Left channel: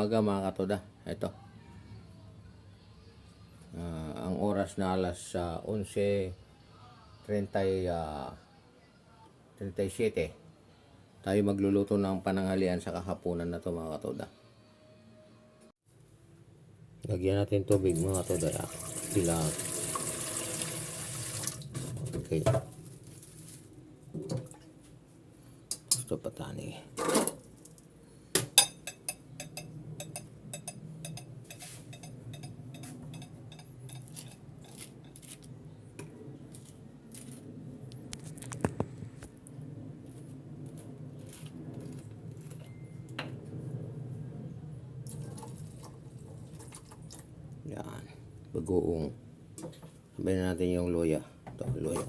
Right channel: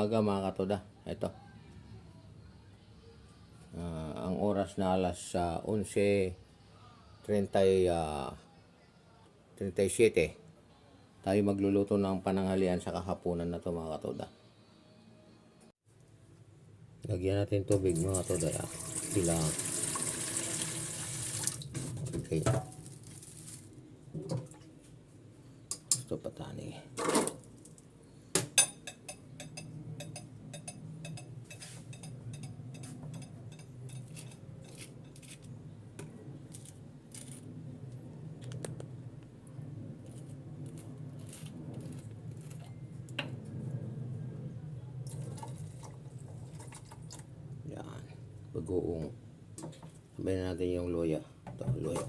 umaga mga katoda. Ito. Ang oras na alas 11:37. Tayo magluluto ng pananghalian sa kahapunan na to mga katoda. Lagyan natin tubig mga katoda. Sila. Okay. Ito patani. Yan. Bagoong. Sabayin natin yung luya. Ito, luya.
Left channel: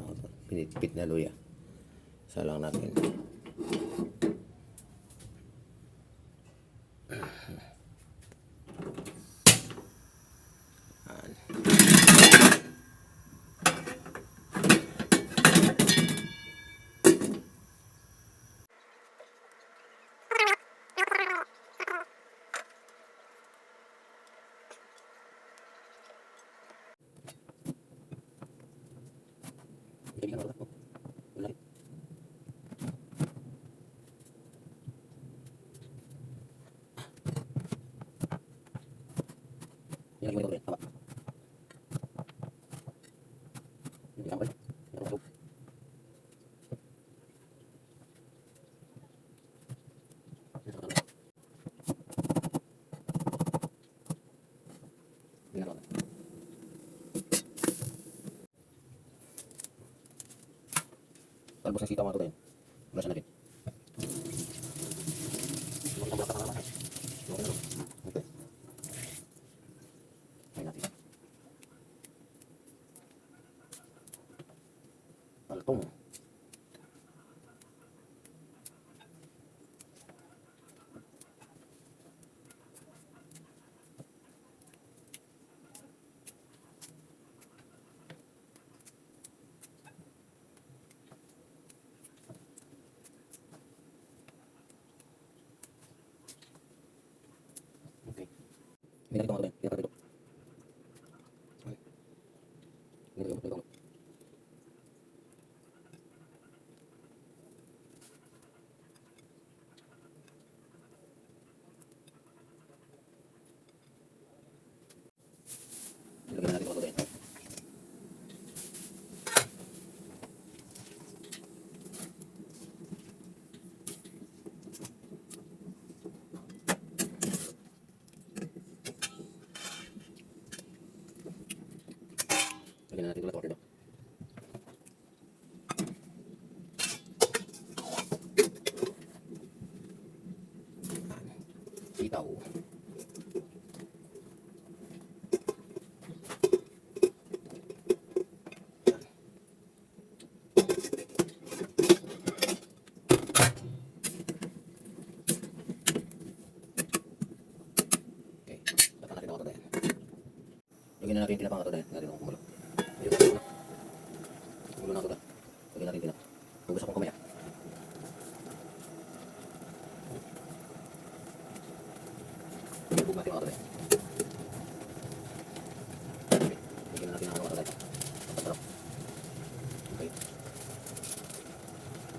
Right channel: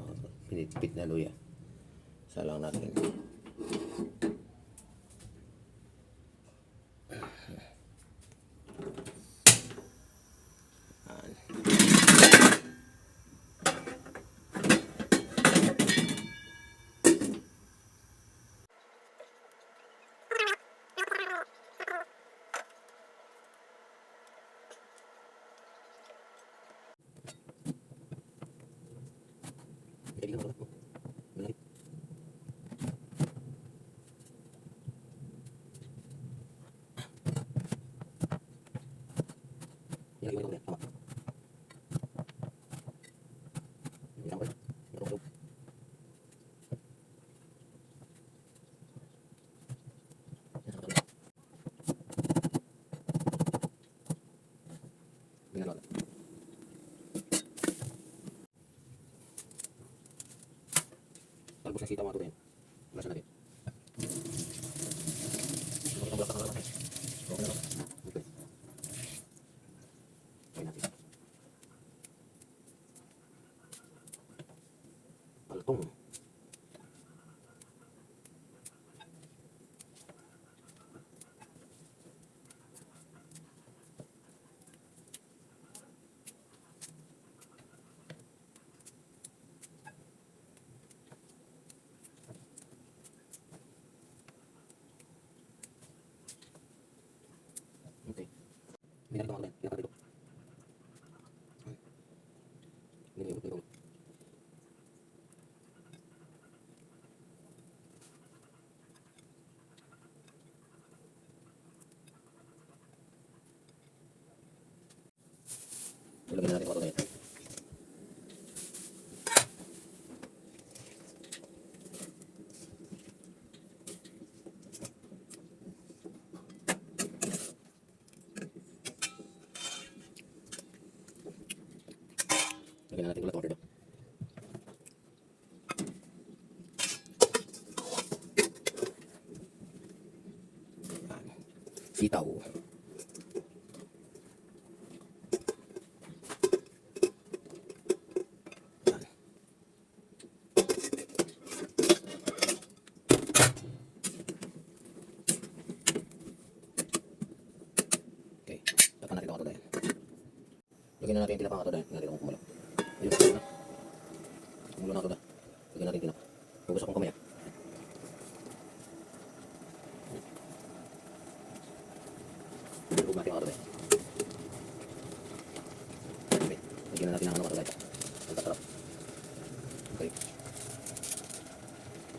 Pinitpit na luya. Salang natin. Talbos ng sitaw mga katoda. Bulasan natin. Okay. Kain natin. Palpong. Okay. Minalik ito mga katoda. Pinapagod ito. Minalik ito. Ilagyan natin mga katoda. Lagyan natin ulit order ito. Sitaw. Okay, lagyan natin ito mga katoda. Lagyan na natin yung tinapa mga katoda. Lagyan natin itong kumulo. Ayun, kumulo na katoda. Lagyan natin tinapa. Hugas akong kamay. Hubog natin mga katoda. Okay, lagyan na natin ang katoda. Pasarap. Okay.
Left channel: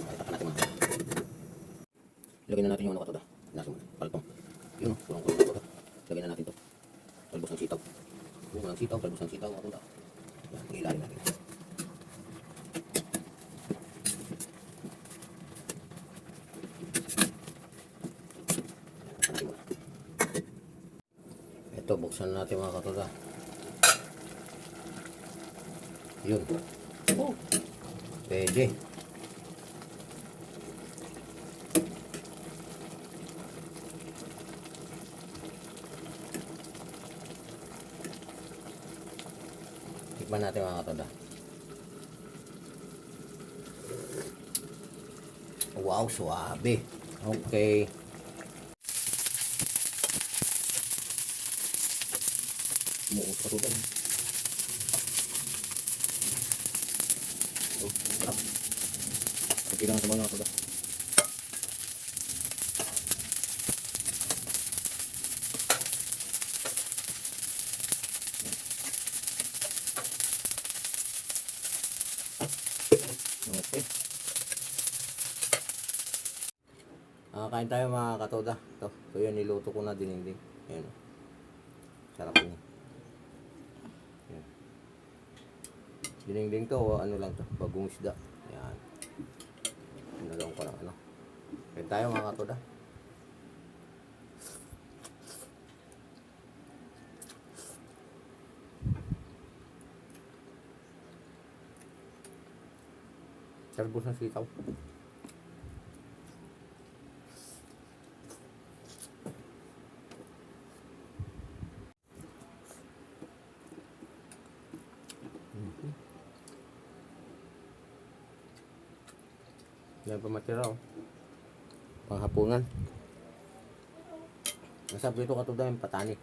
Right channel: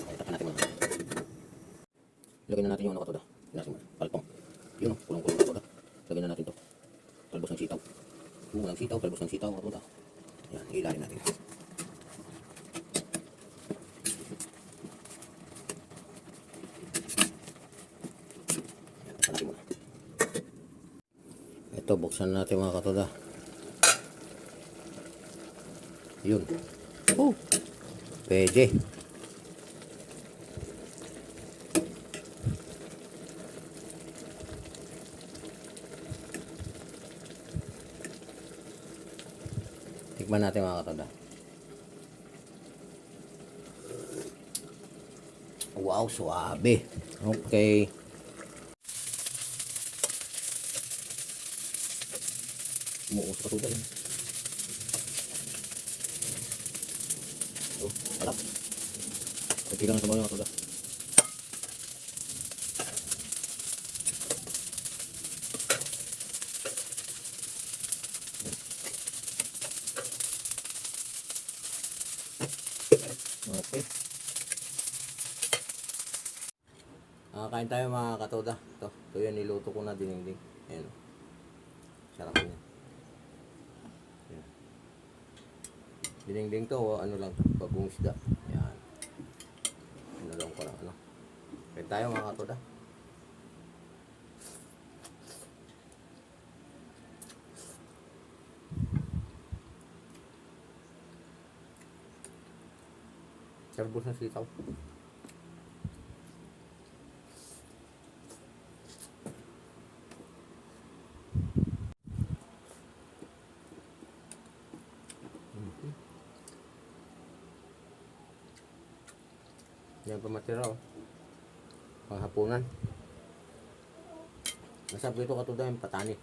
Okay, tapan natin mga. Lagyan na natin yung katoda. Nasing palpong. Yun, kulong-kulong na katoda. Lagyan na natin ito. Talbos ng sitaw. Walang sitaw, talbos ng sitaw mga katoda. Yan, ilalim natin. Ito, buksan natin mga katoda. Yun. Oh, pwede. Tikman natin mga katoda. Wow, suabe. Okay. Muus pa tuloy. Harap. Pagkira na sa mga katoda. Kain tayo mga katoda. Ito yung niluto ko na dinengdeng. Ayan o. Sarap niya. Ayan. Dinengdeng to, ano lang to, bagong isda. Ayan. Pinulong ko lang ano. Kain tayo mga katoda. Talbos ng sitaw. Yan pa matira oh. Panghapunan. Masarap dito katoda yung patani.